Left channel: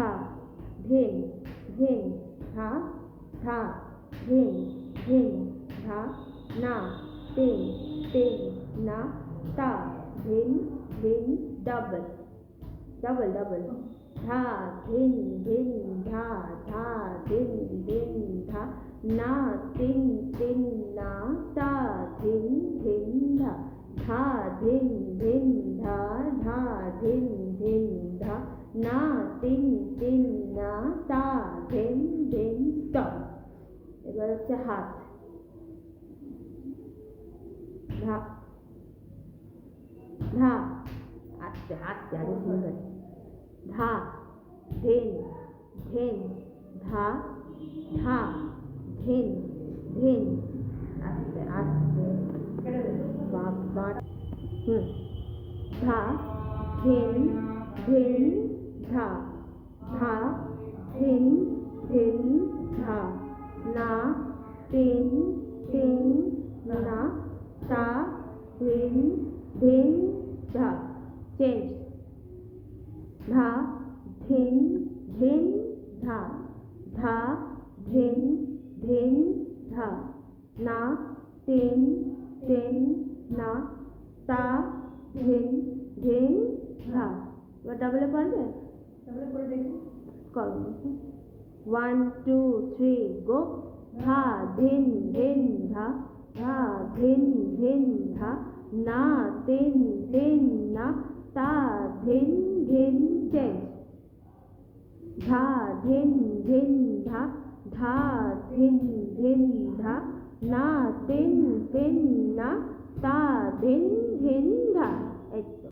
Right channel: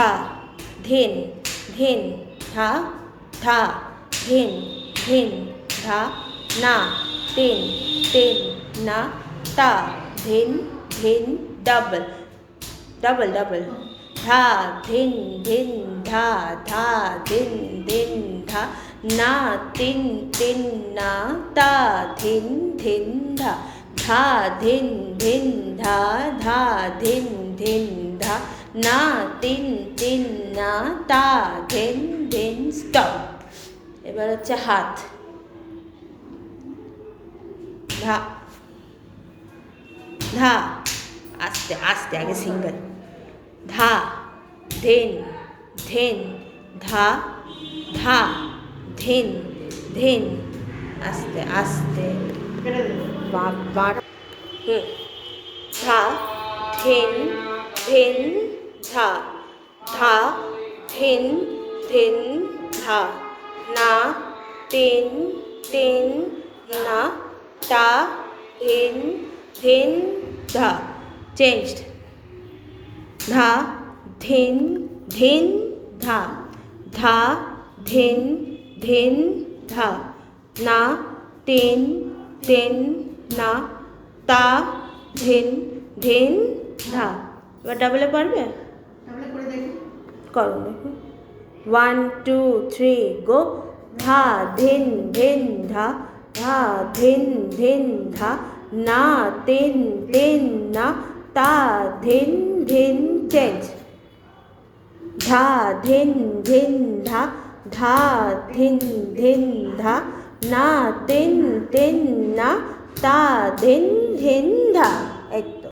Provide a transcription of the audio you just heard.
धा धिन धिन धा धा धिन धिन धा ना तिन तिन ना ता धिन धिन डबल डबल डबल धा धिन धिन धा धा धिन धिन धा ना तिन तिन ना ता धिन धिन धा धा धिन धिन धा धा धिन ধিন ধা না তিন তিন না তা ধিন ধিন স্টপ। এবার হচ্ছে হাত ধা ধা আস্তে আস্তে আগে সিঙ্গেল ধা ধিন ধিন ধা ধা ধিন ধিন আস্তে আস্তে ধা ধিন ধিন ধা ধা ধিন ধিন ধা না তিন তিন না তা ধিন ধিন ধা চেঞ্জড ধা ধিন ধিন ধা ধা ধিন ধিন ধা না তিন তিন না তা ধিন ধিন ধা। এবার ডাবলে পারবে? করো দেখো 1 2 3 গো ধা ধিন ধিন ধা ধা ধিন ধিন ধা না তিন তিন না তা ধিন ধিন চেঞ্জ ধা ধিন ধিন ধা ধা ধিন ধিন ধা না তিন তিন না তা ধিন ধিন ধা।